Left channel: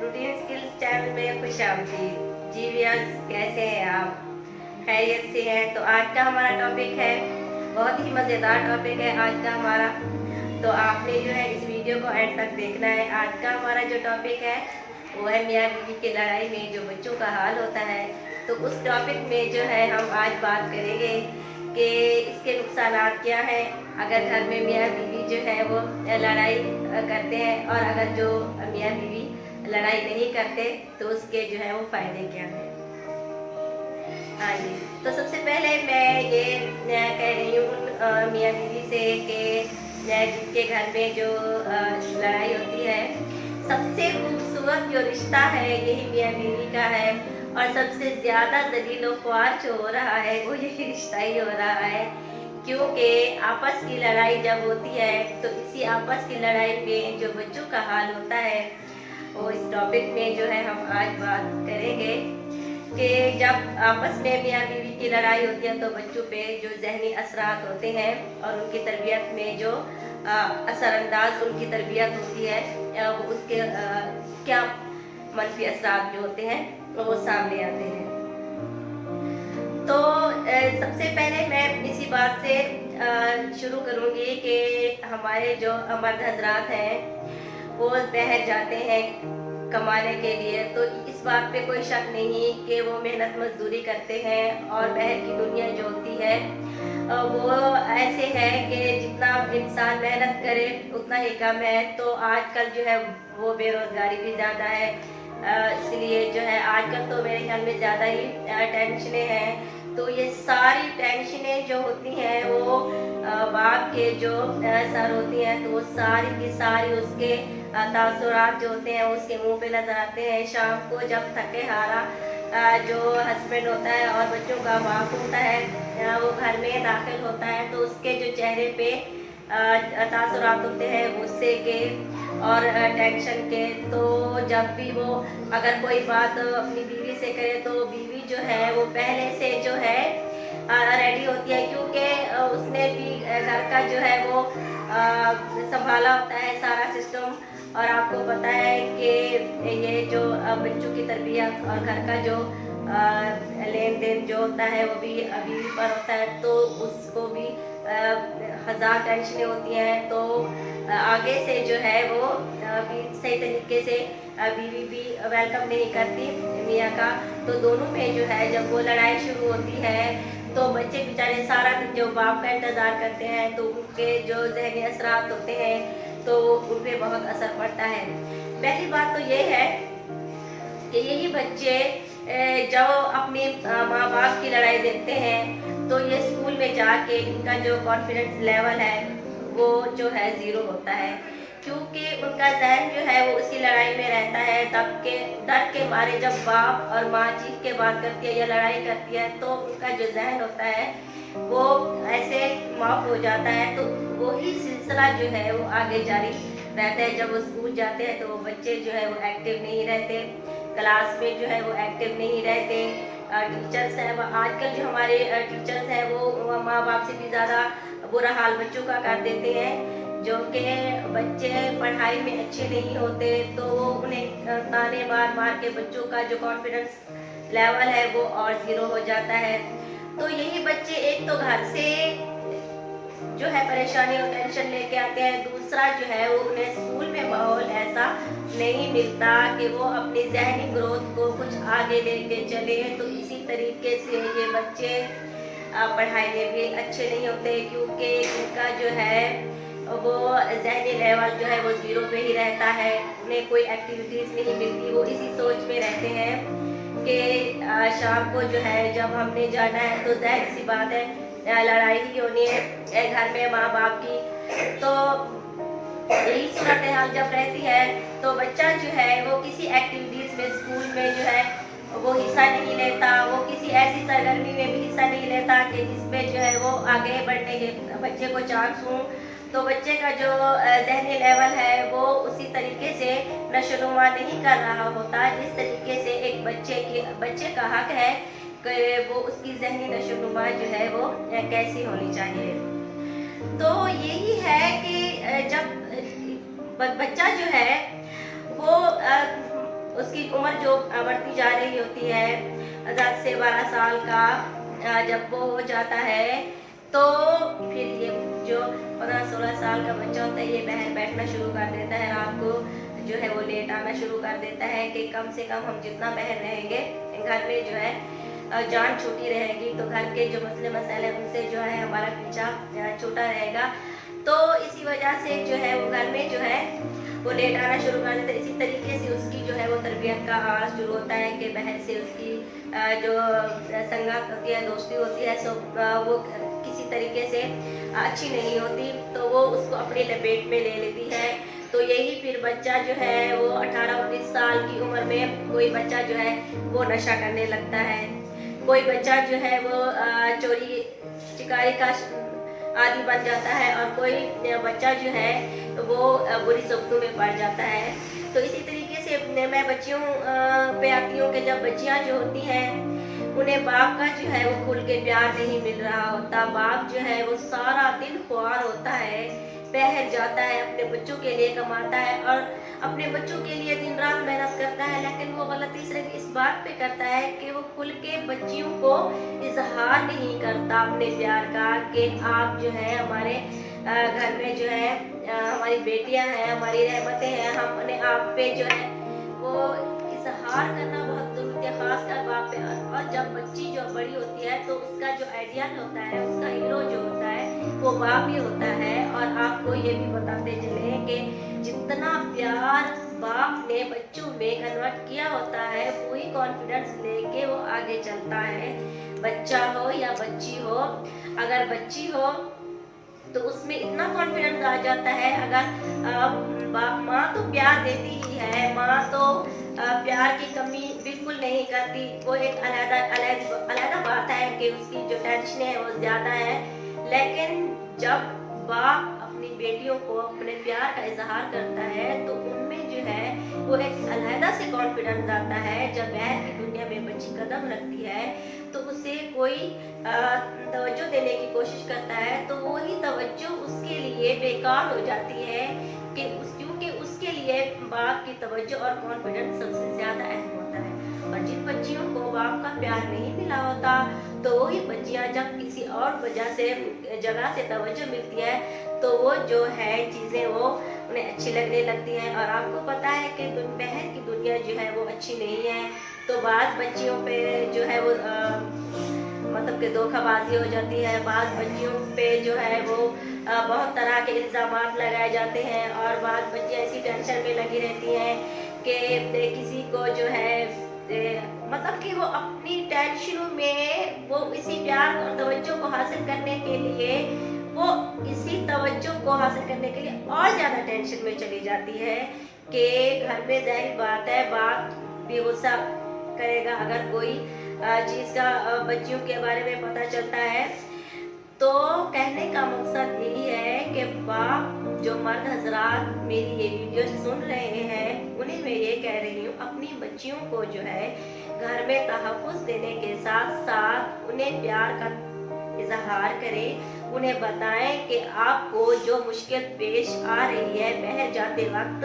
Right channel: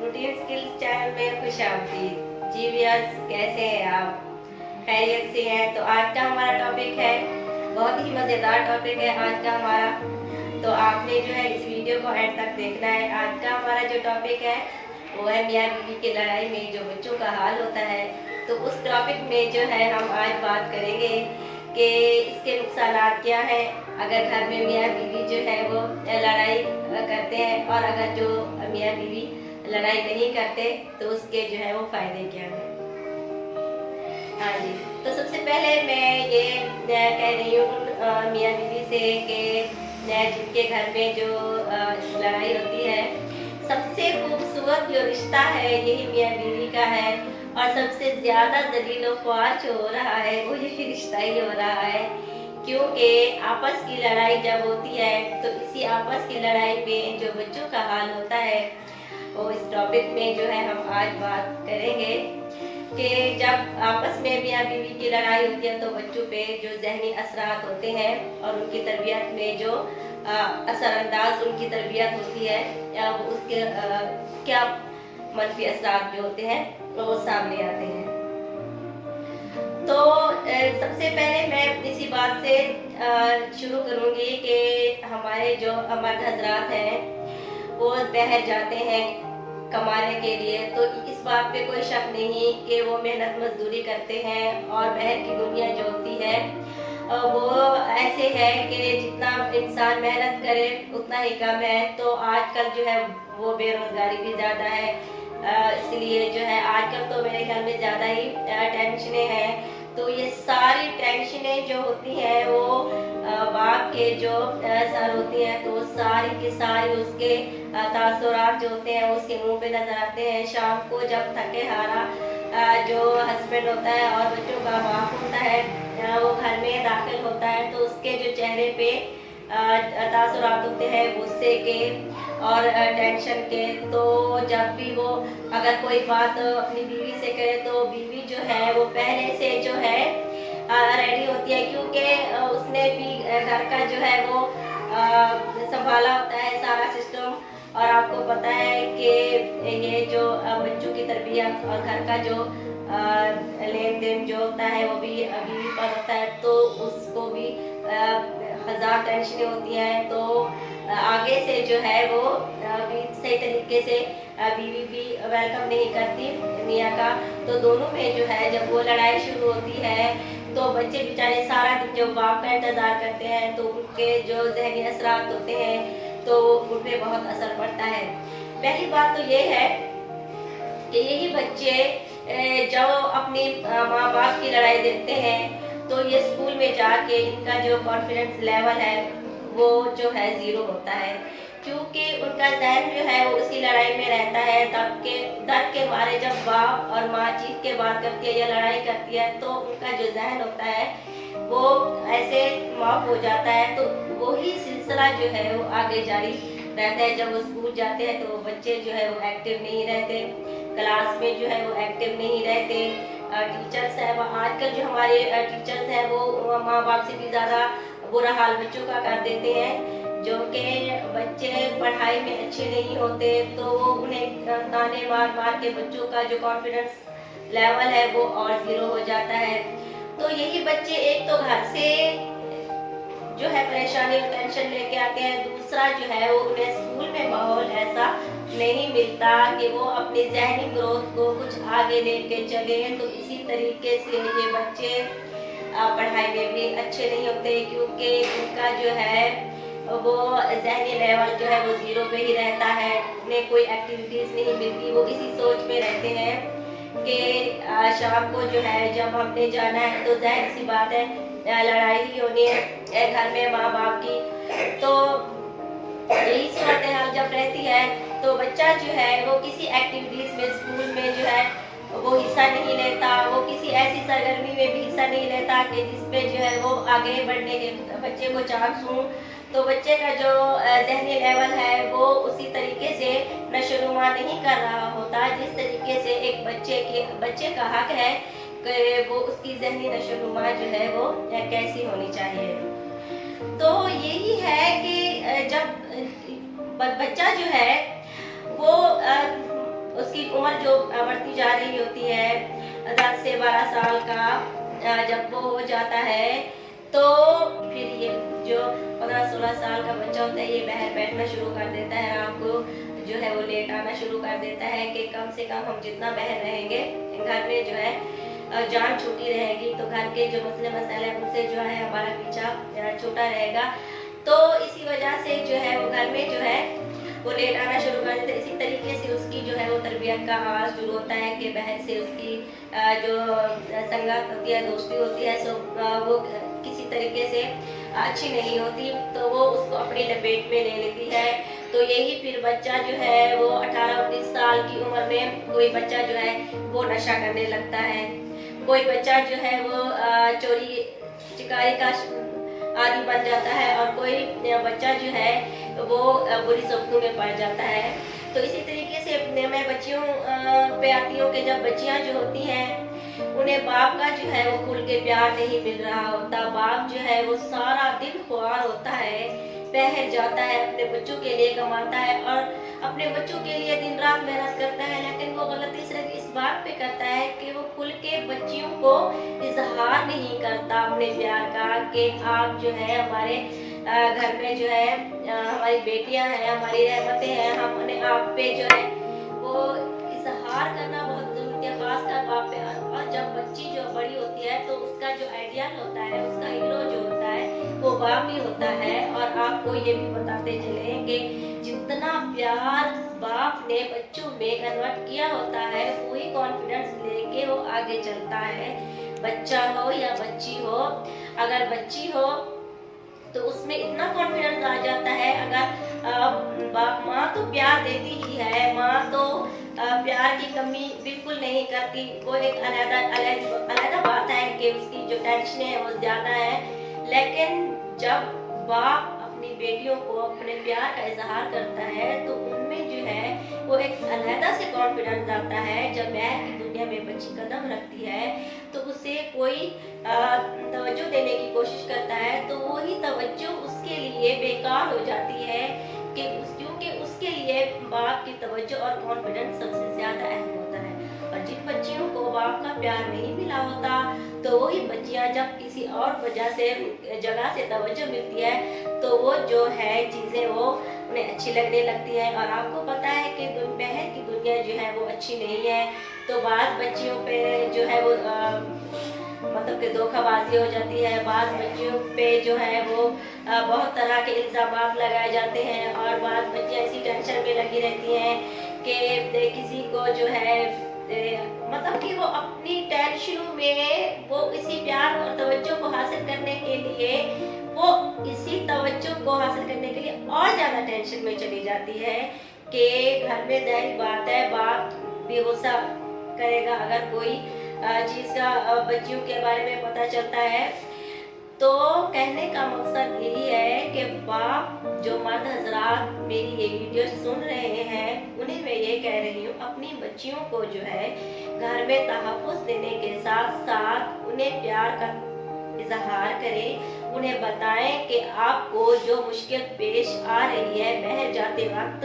Routine skills channel में खुश आमदीद। जी व्यूअर्स, कैसे हैं आप? खैरियत से हैं? तो आज का हमारा टॉपिक है, बहुत ही मज़ेदार टॉपिक है आज का हमारा। तो आपने जो है इस वीडियो को एंड तक देखना है। आज का हमारा जो टॉपिक है वो है मियाँ बीवी की लड़ाई में जो बच्चों का हाल होता है। तो उस टॉपिक में जो है हम आज बात करेंगे कि इसके नुकसान क्या हैं अगर घर में मियाँ बीवी जो है वो लड़ाई करते हैं, और अगर जो मियाँ बीवी लड़ाई नहीं करते तो उसके जो है वो फायदे क्या हैं। हाँ जी, तो सबसे पहले मैं ये कह रही हूँ मियाँ बीवी से कि जिनके घर में जो लड़ाई होती है, सबसे खूबसूरत जो रिश्ता है यही मियाँ बीवी का है, और सबसे ज्यादा दलील ख्वार जो हो रहा है वो यही रिश्ता ही हो रहा है। क्योंकि आपस की लड़ाई जब होती है तो इसी आपस की लड़ाई में जो बच्चों का हाल होता है वो इस टॉपिक में जो है हम आज बात करेंगे कि जब आपस में मियाँ बीवी की लड़ाई होती है तो बच्चों पे जो जहनी असरात होते हैं और उनकी तरबियत में जो असरअंदाज उनकी तरबियत होती है वो उसके क्या मनफी असरात जो होते हैं वो सामने आते हैं। तो सबसे पहले मैं इसी बात से शुरू करूंगी कि हमारे जो मर्द हजरात हैं वो बाहर जाते हैं कमाने के लिए, तो इस बात पे कोई शक नहीं कि वो मेहनत मजदूरी करते हैं, और बाहर की दुनिया जो होती है वो ऐसे है कि जितना इंसान मेहनत करे उतना ही कम है। तो आजकल जो है वो बेरोजगारी भी ज़्यादा है, इसलिए जो है आजकल तो मेरे ख्याल में ज़्यादा ही टेंशनें हैं। तो ये सारी टेंशनें जो होती हैं वो बाप के जो सर होती हैं, तो सारी की सारी उसके तासुरात जो होते हैं उसके मुंह पे नजर आते हैं। शाम को जब थके हारा जो हस्बैंड होता है और बच्चों का बाप होता है वो घर में दाखिल होता है तो उसके जो चेहरे पे तासुरात होते हैं गुस्से के और टेंशन के। तो जब भी वो अगर कोई बात अपनी बीवी से करे तो बीवी जो है वो पहले से जो है रेडी होती है, क्योंकि उसने भी घर का जो है वो संभाला होता है सारा सिस्टम। और आपको पता है कि ये जो बच्चों की तरबियत और घर का जो लेन देन जो होता है वो भी बीवी पर होता है, तो उसको भी हजार टेंशनें होती हैं। तो आगे से जो है वो सही तरीके से बीवी भी वेलकम नहीं करती मियाँ का। तो दोनों में जो है जब वो लड़ाई शुरू होती है तो बच्चे बेचारे सारा दिन जो बाप का इंतजार करते हैं तो उनके जो जहनी असरात होते हैं तो उन पे बहुत असर पड़ता है। पहली बात तो ये है कि यही बच्चे जब अपने माँ बाप की लड़ाई देखते हैं तो ये स्कूल में जाके इनका जो कॉन्फिडेंस लेवल है वो जो है जीरो होता है, क्योंकि उनका जहन जो है वो उसी लड़ाई में रहता है। तब के दर्द के मारे जब बाप और माँ चीख के बात करती है या लड़ाई करती है तो उनका जो जहन होता है वो ऐसे माफ हो जाता है। तो वही सिलसिला जो है वो आगे जारी रहता है। जब वो स्कूल जाते हैं तो बच्चे जो है वो एक्टिव नहीं रहते, क्लास में जो है वो एक्टिव नहीं रहते। टीचर्स है, आजकल जो हमारे टीचर्स हैं वो माँ बाप से भी ज़्यादा बुरा हाल बच्चों का कर देते हैं। जो कि बच्चे पढ़ाई में अच्छे नहीं होते तो वो उन्हें ताने मार मार के बच्चों का जो कॉन्फिडेंस लेवल है वो और जीरो हो जाता है। तो यही बच्चे एक तो घर से जो है परेशानी और टेंशन लेके आते हैं, दूसरा जो है वो उन्हें स्कूल में माहौल ऐसा नहीं मिलता कि वो अपनी जहनी ग्रोथ को कुछ आगे लेके चले। तो इसी तरीके से ये बच्चे पढ़ाई में भी अच्छे नहीं होते, क्योंकि इनका जो है वो जहनी लेवल जो है वो जीरो पे ही रहता है। उन्हें कोई एक्टिविटीज नहीं मिलती, वो इसी सोच में रहते हैं कि शाम को जो है जब हमने जाना है तो जाहिर सी बात है लड़ाई ही होनी है घर में माँ बाप की। तो यही सूरत हाल जब रहती है तो बच्चा जो है वो किसी एक्टिविटीज में स्कूल में जो है वो हिस्सा नहीं लेता, वो किसी ऐसी सरगर्मी में भी हिस्सा नहीं लेता कि जिसमें जो है वो आगे बढ़ने के बच्चे को चांस हो। तो बच्चे का जो जहनी लेवल है वो उसी तरीके से नशोनुमा नहीं कर रहा होता जिस तरीके से एक बच्चे का हक है कि वो उसकी जहनी नशोनुमा जो है वो कैसी होनी चाहिए। तो यही है कि जब बच्चा जो है वो उसकी उम्र जो बढ़ती जा रही होती है 10 से 12 साल का जब वो हो जाता है तो फिर ये जो 15-16 साल का बच्चा होता है ये बाहर बैठना शुरू कर देता है, रात को जो है वो लेट आना शुरू कर देता है कि कम से कम हम जितना बाहर रहेंगे घर में जो है जान छूटी रहेगी तो घर के जो मसले मसाले उनसे जो है हमारा पीछा छूटा रहेगा। तो इसी वजह से जो है वो घर में जो है वो लेट आना शुरू कर देते हैं। इसी तरीके से उसकी जो है वो तरबियत का आगाज शुरू होता है कि बहन से उसकी जो संगत होती है, दोस्ती होती है, सो वो किसी तरीके से अच्छी नहीं होती तो वो उसको अपनी लपेट में ले लेती है। तो यही फिर बच्चा जो है वो 18-19 साल की उम्र में कोई बच्चा जो है वो नशा करने लगता है, कोई बच्चा जो है वो चोरी चिकारी का आदि बन जाता है और कोई बच्चा जो है वो बुरी सोबतों में पड़ जाता है। तो इसी तरीके से मैं बच्चियों पे आती हूँ कि जब बच्चियाँ जो होती हैं उन्हें बाप का जो है वो खुल के प्यार नहीं मिल रहा होता, बाप जो है वो सारा दिन ख्वार होता है, बहर जाता है, अपने बच्चों के लिए कमाता है और अपने बच्चों के लिए दिन रात मेहनत करता है, लेकिन वो गलती सिर्फ इस बात पे करता है कि वो खुल के बच्चियों को इजहार नहीं करता अपने प्यार का कि आप जो है हमारे घर में जो है हमारी बेटियां हैं, हमारी रहमतें हैं, हमने आप पे जो है वो इजहार करना बहुत जरूरी है, खासकर बाप पे। और जब बच्ची जो बड़ी होती है तो उसका जो आइडियल होता है, उसका हीरो जो होता है वो बाप ही होता है। और आपको ये भी बताते चले कि जितना प्यार बाप ने बच्चों में कन्वर्ट किया होता है वही कॉन्फिडेंस लेके वो आगे चलता है, बच्चा हो या बच्ची हो। अगर बच्ची हो तो उसमें इतना कॉन्फिडेंस आ जाता है, अगर माँ तो प्यार देती ही है, माँ तो प्यार की कमी बिल्कुल नहीं करती, वो एक अलग बात है कि उसकी जो टेंशन है वो ज्यादा है, लेकिन जब बाप अपनी बेटियों को अपने प्यार का इजहार करता है तो उनमें जो है वो एक अलहदा से कॉन्फिडेंस आता है। जब बाहर की दुनिया में बच्ची कदम रखती है तो उसे कोई तवज्जो देने की कोशिश करता है तो वही तवज्जो उसके लिए बेकार हो जाती है कि क्योंकि उसके लिए बाप की तवज्जो और कॉन्फिडेंस सबसे ज्यादा अहम होता है। और जिन बच्चियों को बाप का प्यार नहीं मिला होता तो वही बच्चियां जब किसी और वजह से जगह से तवज्जो मिलती है तो वो जो है चीजें वो उन्हें अच्छी लगने लगती है। और आपको पता है कि बाहर की दुनिया जो है वो अच्छी नहीं है, तो बाद बच्चियों पे जो है वो मतलब कि धोखाबाजी हो जाती है, बाद बच्चियों पे जो है वो बहुत तरह के इल्जाम लगाए जाते हैं और बाद बच्चियाँ ऐसी टेंशन में लगी रहती हैं कि किसी को जो है मतलब कि वो अपनी टेंशन में वो इसी प्यार और तवज्जो को हासिल करने के लिए वो इसी तवज्जो को हासिल करने के लिए और ज्यादा टेंशन में चली जाती है कि घर में जाहिर बात है बाप भी गुस्सा करेगा अगर कोई चीज का बच्चियों के बारे में पता चलता है। तो कहने का मकसद यही है कि बाप जो मर्द हजरात मेरी ये वीडियो सुन रहे हैं उन्हें मैं ये कह रही हूँ अपनी बच्चियों को जो है घर में तहफ़्फ़ुज़ देने के साथ साथ उन्हें प्यार का इजहार करें, उन्हें बताएं कि आपको जो मुश्किल पेश आ रही है बाहर जाते वक्त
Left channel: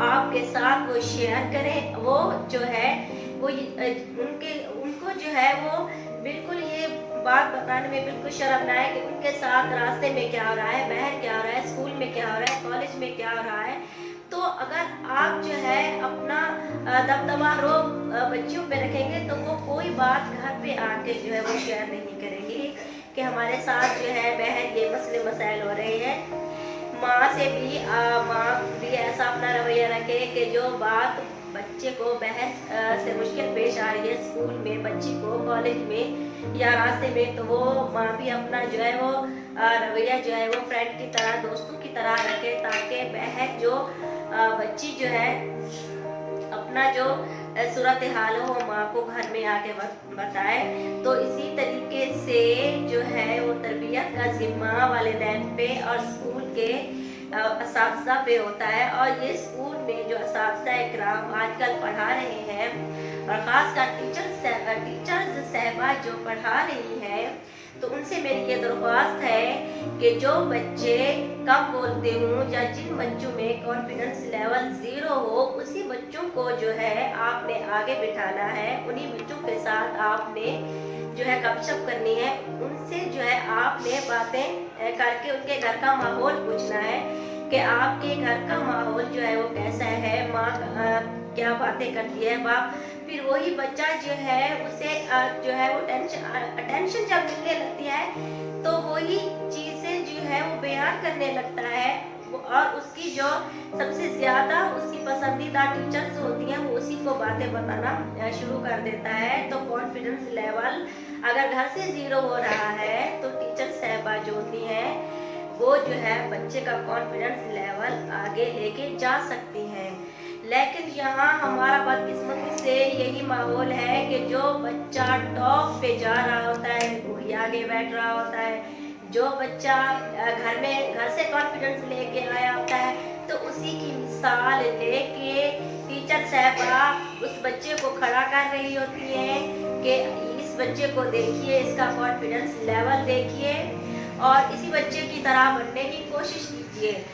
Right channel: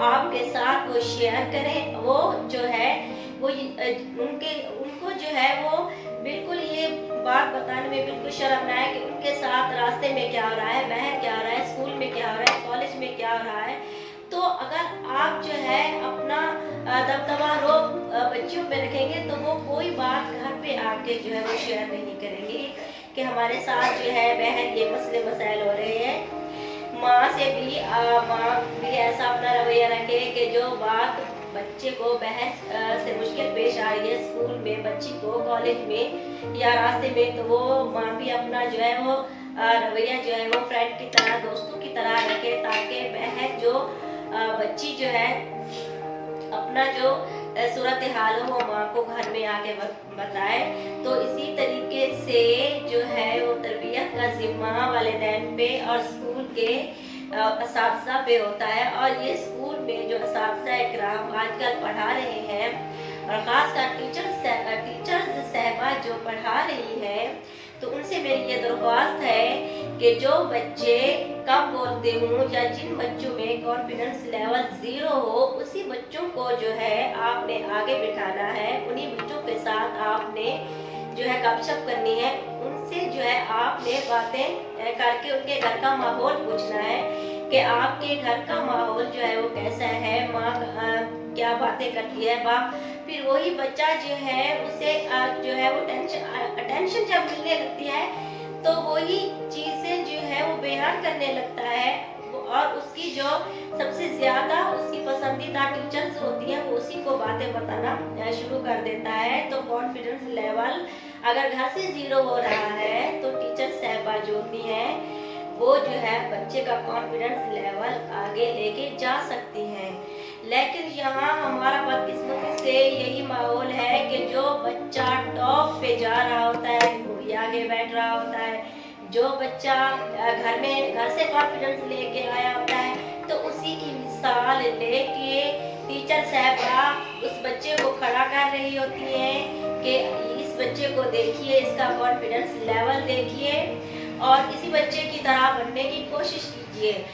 आपके साथ वो शेयर करें। वो जो है वो उनको जो है वो बिल्कुल ये बात बताने में बिल्कुल शर्म ना है कि उनके साथ रास्ते में क्या हो रहा है, बाहर क्या हो रहा है, स्कूल में क्या हो रहा है, कॉलेज में क्या हो रहा है। तो अगर आप जो है अपना दबदबा रोब बच्चियों पे रखेंगे तो वो कोई बात घर पे आके जो है वो शेयर नहीं करेंगी कि हमारे साथ जो है बहन ये मसले मसाइल हो रहे हैं। माँ से भी माँ भी ऐसा अपना रवैया रखे कि जो बात बच्चे को बहन से मुश्किल पेश आ रही है स्कूल में, बच्ची को कॉलेज में या रास्ते में, तो वो माँ भी अपना जो है वो रवैया जो है वो फ्रेंड की तरह दोस्तों की तरह रखे ताकि बहन जो बच्ची जो है अपना जो सूरत हाल हो वो माँ को घर में आके बताए। तो इसी तरीके से जो है वो तरबियत का जिम्मा वालिदैन पे और स्कूल के असातिज़ा पे होता है। और ये स्कूल में जो असातिज़ा इकराम आजकल पढ़ा रहे हैं और ख़ासकर टीचर्स साहिबा जो पढ़ा रही हैं, तो उनसे मेरी ये दरख्वास्त है कि जो बच्चे कम बोलते हों या जिन बच्चों में कॉन्फिडेंस लेवल 0 हो, उसी बच्चों को जो है आपने आगे बिठाना है। उन्हीं बच्चों के साथ आपने जो है गपशप करनी है। उनसे जो है आपने बातें करके उनके घर का माहौल पूछना है कि आपके घर का माहौल जो है वो कैसा है, माँ क्या बातें करती है, बाप। फिर वही बच्चा जो है उसे जो है वो अटेंशन जब मिलने लगती है तो वही चीजें जो है वो बयान करने लगता है। और उसकी जो सबसे ज्यादा उसकी पसंदीदा टीचर्स होती हैं वो उसी को बातें बताना शुरू कर देता है। तो कॉन्फिडेंस लेवल अगर घर से 0 हो रहा है तो टीचर साहिबा जो होती हैं वो जो है बच्चे का कॉन्फिडेंस लेवल आगे लेके जा सकती हैं। लेकिन यहाँ हमारा बदकिस्मती से यही माहौल है कि जो बच्चा टॉप पे जा रहा होता है वही आगे बैठ रहा होता है। जो बच्चा घर से कॉन्फिडेंस लेके आया होता है तो उसी की मिसाल लेके टीचर साहबा उस बच्चे को खड़ा कर रही होती हैं कि इस बच्चे को देखिए, इसका कॉन्फिडेंस लेवल देखिए और इसी बच्चे की तरह बनने की कोशिश कीजिए।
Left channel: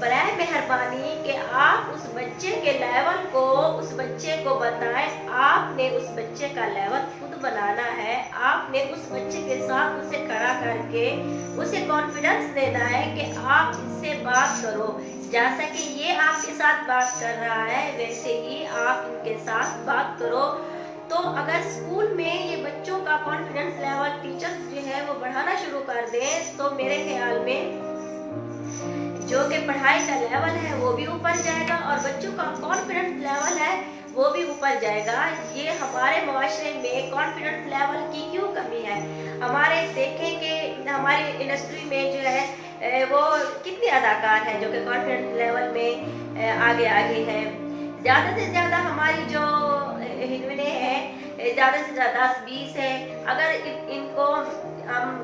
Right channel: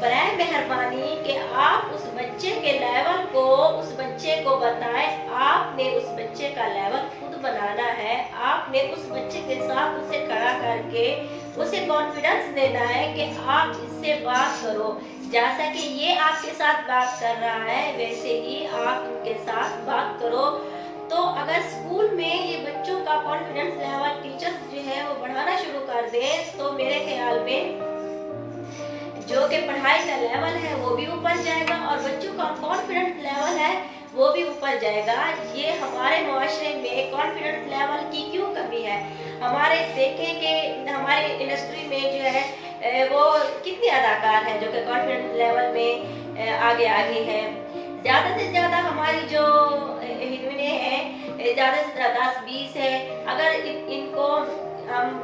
बराए मेहरबानी कि आप उस बच्चे के लेवल को उस बच्चे को बताएं। आपने उस बच्चे का लेवल खुद बनाना है। आपने उस बच्चे के साथ उसे खड़ा करके उसे कॉन्फिडेंस देना है कि आप इससे बात करो। जैसा कि ये आपके साथ बात कर रहा है वैसे ही आप उनके साथ बात करो। तो अगर स्कूल में ये बच्चों का कॉन्फिडेंस लेवल टीचर्स जो है वो बढ़ाना शुरू कर दें तो मेरे ख्याल में जो कि पढ़ाई का लेवल है वो भी ऊपर जाएगा और बच्चों का कॉन्फिडेंस लेवल है वो भी ऊपर जाएगा। ये हमारे मुआशरे में कॉन्फिडेंस लेवल की क्यों कमी है? हमारे देखें कि हमारे इंडस्ट्री में जो है वो कितने अदाकार हैं जो कि कॉन्फिडेंस लेवल में आगे हैं। ज़्यादा से ज़्यादा हमारी जो हीरोइनें हैं ज़्यादा से ज़्यादा 10-20 है। अगर इनको हम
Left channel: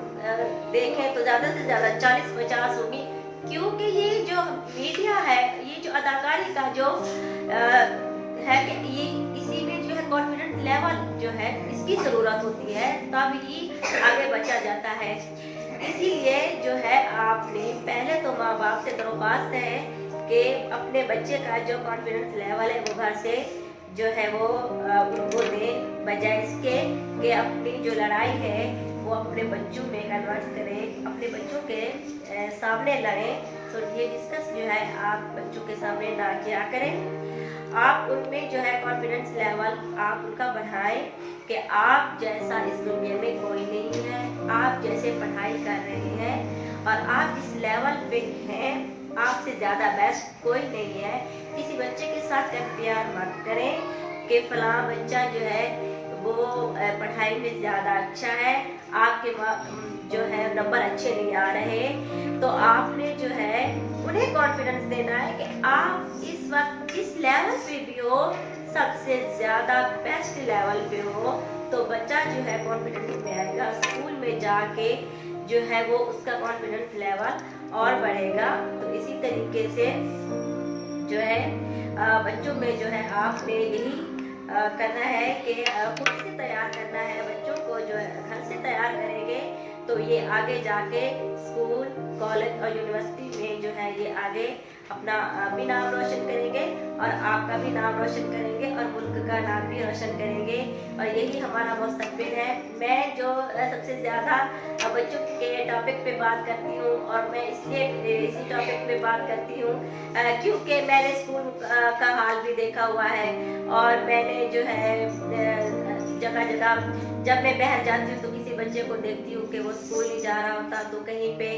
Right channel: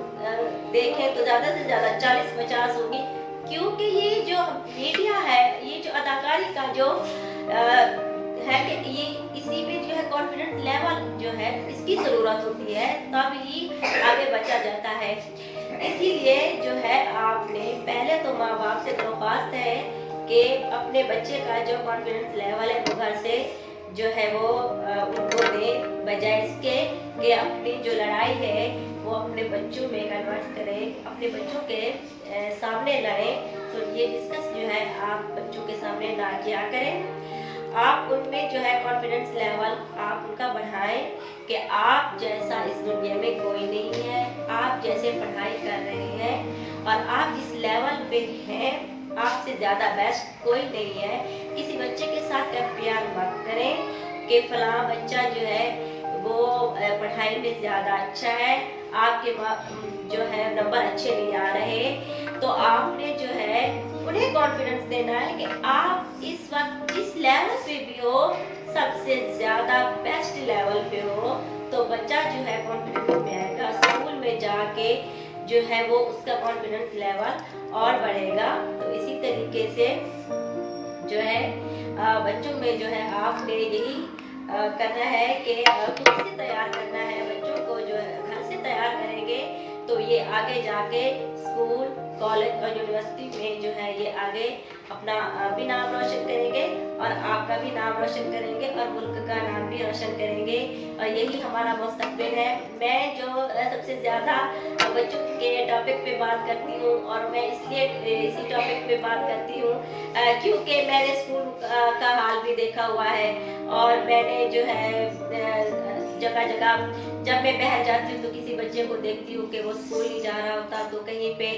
देखें तो ज़्यादा से ज़्यादा 40-50 होगी, क्योंकि ये जो मीडिया है, ये जो अदाकारी का जो है कि ये इसी में जो है कॉन्फिडेंस लेवल जो है इसकी ज़रूरत होती है तब ही आगे बढ़ा जाता है। इसीलिए जो है आपने पहले तो माँ बाप से दरख्वास्त है कि अपने बच्चे का जो कॉन्फिडेंस लेवल है वो घर से जो है वो उनको दे, बजाय इसके कि अपनी जो लड़ाई है वो अपने बच्चों में कन्वर्ट करें, अपने बच्चों के सामने लड़ें। तो ये डिस्कस जो है आप बच्चों के सामने ना किया करें। आप उनमें जो है कॉन्फिडेंस लेवल आप उनका बढ़ाएं कि आप जैसा इस दुनिया में कोई नहीं है, आप जैसे पढ़ाई कर रहे हैं और आप जिस लेवल पे हैं आपसे ज़्यादा बेस्ट कोई नहीं है। किसी बच्चे के साथ कंपेयर मत करें कि फलां बच्चा जो है वो पढ़ाई में ज़्यादा अच्छा है, आपके जो है नंबर अच्छे नहीं आ रहे। तो आपने जो है उन्हें कॉन्फिडेंस देना है कि आप इस वक्त इस लेवल पे भी हो, सबसे ज़्यादा बेस्ट लेवल पे हो। तो बच्चा जो है कॉन्फिडेंस में आएगा, स्कूल में जाके जो है वो उसका कॉन्फिडेंस लेवल और बढ़ेगा। तो इसी तरीके से जो है बच्चों में जो है आपने यही करना है कि खुद से तैयार करना है बच्चों को। जो है घर से तैयार करेंगे तो ये आगे जाके स्कूल, कॉलेज और यूनिवर्सिटी में जो है ये आगे अपना भी नाम रोशन करेंगे और आपका भी नाम रोशन करेंगे और मुल्क का नाम भी रोशन करेंगे। और यही हमारा मुस्तकबिल है। मैं जो सबसे ज़्यादा बच्चों के टॉपिक पे बात करती हूँ और मैं इसलिए इसी टॉपिक पे बात करती हूँ क्योंकि मैंने स्कूल का हाल भी देखा हुआ है और मैंने जो है जगह जगह जब मैं बाहर जाती हूँ तो किसी बच्चे को देखती हूँ कि वो स्कूल नहीं जा रहा होता तो कहीं पे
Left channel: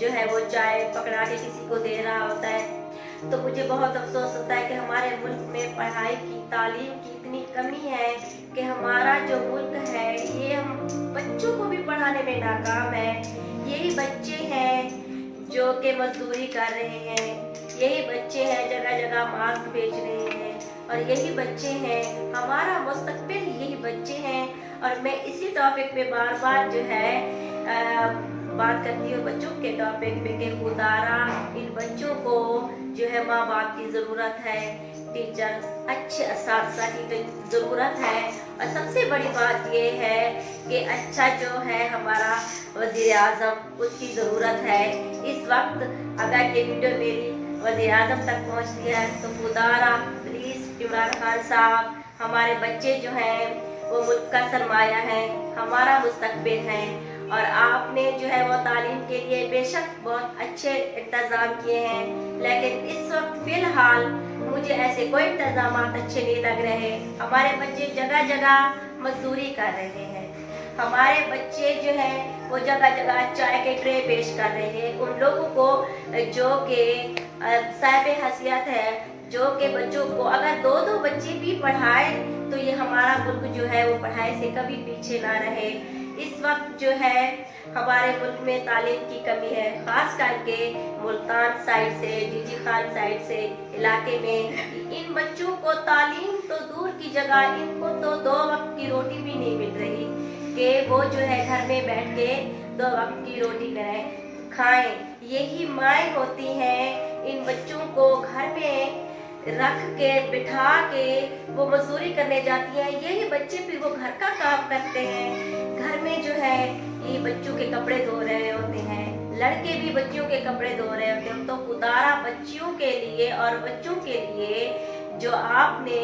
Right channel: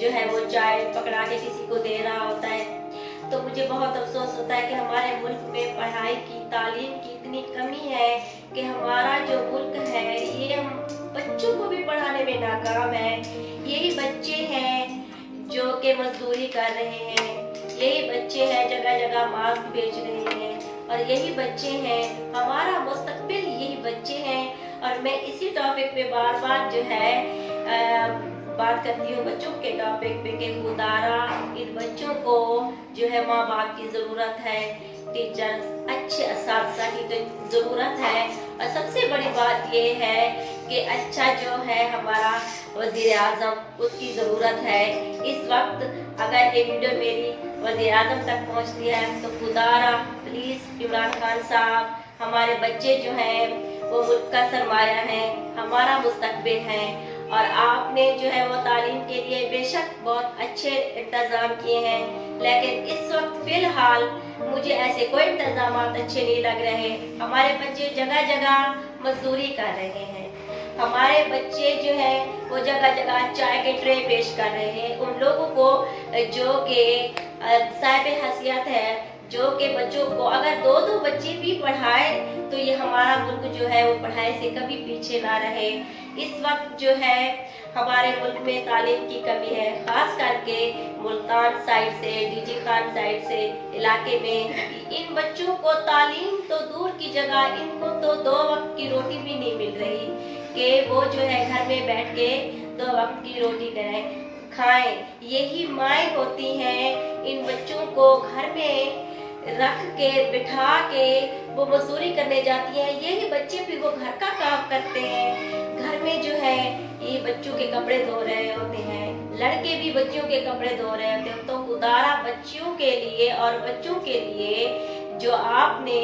जो है वो चाय पकड़ा के किसी को दे रहा होता है। तो मुझे बहुत अफसोस होता है कि हमारे मुल्क में पढ़ाई की, तालीम की इतनी कमी है कि हमारा जो मुल्क है ये बच्चों को भी पढ़ाने में नाकाम है। यही बच्चे हैं जो कि मजदूरी कर रहे हैं, यही बच्चे हैं जगह जगह मास्क बेच रहे हैं और यही बच्चे हैं हमारा मुस्तकबिल, यही बच्चे हैं। और मैं इसी टॉपिक पे बार बार जो है बात करती हूँ बच्चों के टॉपिक पे कि खुदारा इन बच्चों को जो है माँ बाप की ज़रूरत है, टीचर अच्छे असातिज़ा की ज़रूरत है, और सबसे बड़ी बात ये है कि अच्छा जो है हमारा वज़ीर आज़म उसकी ज़रूरत है। इस वक्त अगर ये वीडियो मेरी वज़ीर आज़म तक पहुँचती है तो खुदारा प्लीज़ इमरान खान साहब, हमारे बच्चे जो हैं वो मुल्क का सरमाया है, हमारा मुस्तकबिल है, और आपने जो है वो तालीम के लिए बेशक बहुत अच्छे इंतज़ाम किए हैं, लेकिन इस वक्त फ़िलहाल मुझे ऐसे कोई इंतज़ाम अच्छे नहीं लग रहे। हमारे बच्चे जगह जगह मजदूरी कर रहे हैं, हमारे बच्चे जो हैं वो जगह जगह चाय के ट्रे पेश कर रहे हैं उन लोगों को जो कि साहिब हैसियत है, जो कि बच्चों को अगर दो दो बच्चे भी पढ़ाए तो ये हमारा मुल्क जो है वो पढ़ाई से कभी पीछे ना रहे। इस वक्त जो है हमारे मुल्क में तालीम की कमी है, खास करके मुल्तान साइड से, डीजी खान साइड से इलाके में इन बच्चों को तालीम तो दूर की जगह इनको तो 2 वक्त की रोटी भी नहीं मिल रही कि वो जो है घर में बैठ के 2 वक्त की रोटी करें खाएं। यही माएँ होती हैं इन बच्चों को घर में रख के बिठा के वो मजदूरी करने जाती हैं, यही बच्चे फिर वो घर का काम करते हैं। घर में जो है ये बच्चों के कपड़े धो रहे होते हैं, लड़के भी बच्चों के कपड़े धो रहे होते हैं। तो खुदारा बच्चियों के लिए और बच्चों के लिए जो आपने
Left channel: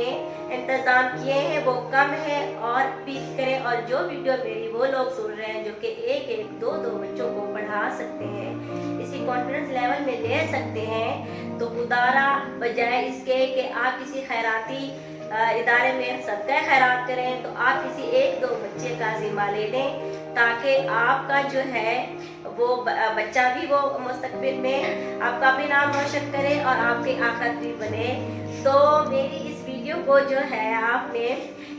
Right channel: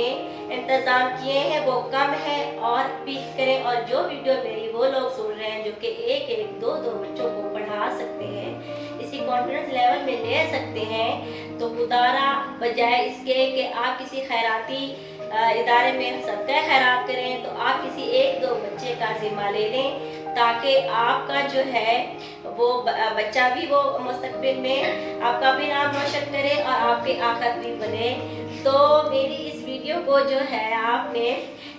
इंतजाम किए हैं वो कम है और पीस करें, और जो वीडियो मेरी वो लोग सुन रहे हैं जो कि एक एक दो दो बच्चों को पढ़ा सकते हैं, इसी कॉन्फिडेंस लेवल में ले सकते हैं, तो खुदारा बजाय इसके कि आप किसी खैराती इदारे में सदका खैरात करें तो आप किसी एक दो बच्चे का जिम्मा ले लें, ताकि आपका जो है वो बच्चा भी वो मुस्तकबिल में आपका भी नाम रोशन करे और आपके आखिरत भी बने। तो मेरी इस वीडियो को जो है आपने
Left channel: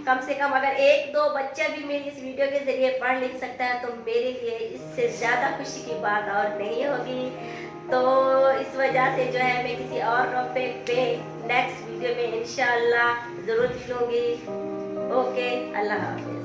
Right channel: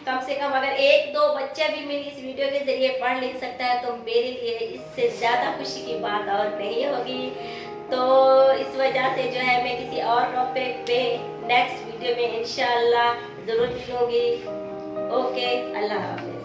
कम से कम अगर एक दो बच्चा भी मेरी इस वीडियो के जरिए पढ़ लिख सकता है तो मेरे लिए इससे ज़्यादा खुशी की बात और नहीं होगी। तो इस वजह से जो है मैं किसी और टॉपिक पे नेक्स्ट वीडियो में इंशाअल्लाह ज़रूर मिलूँगी। ओके, अल्लाह हाफ़िज़।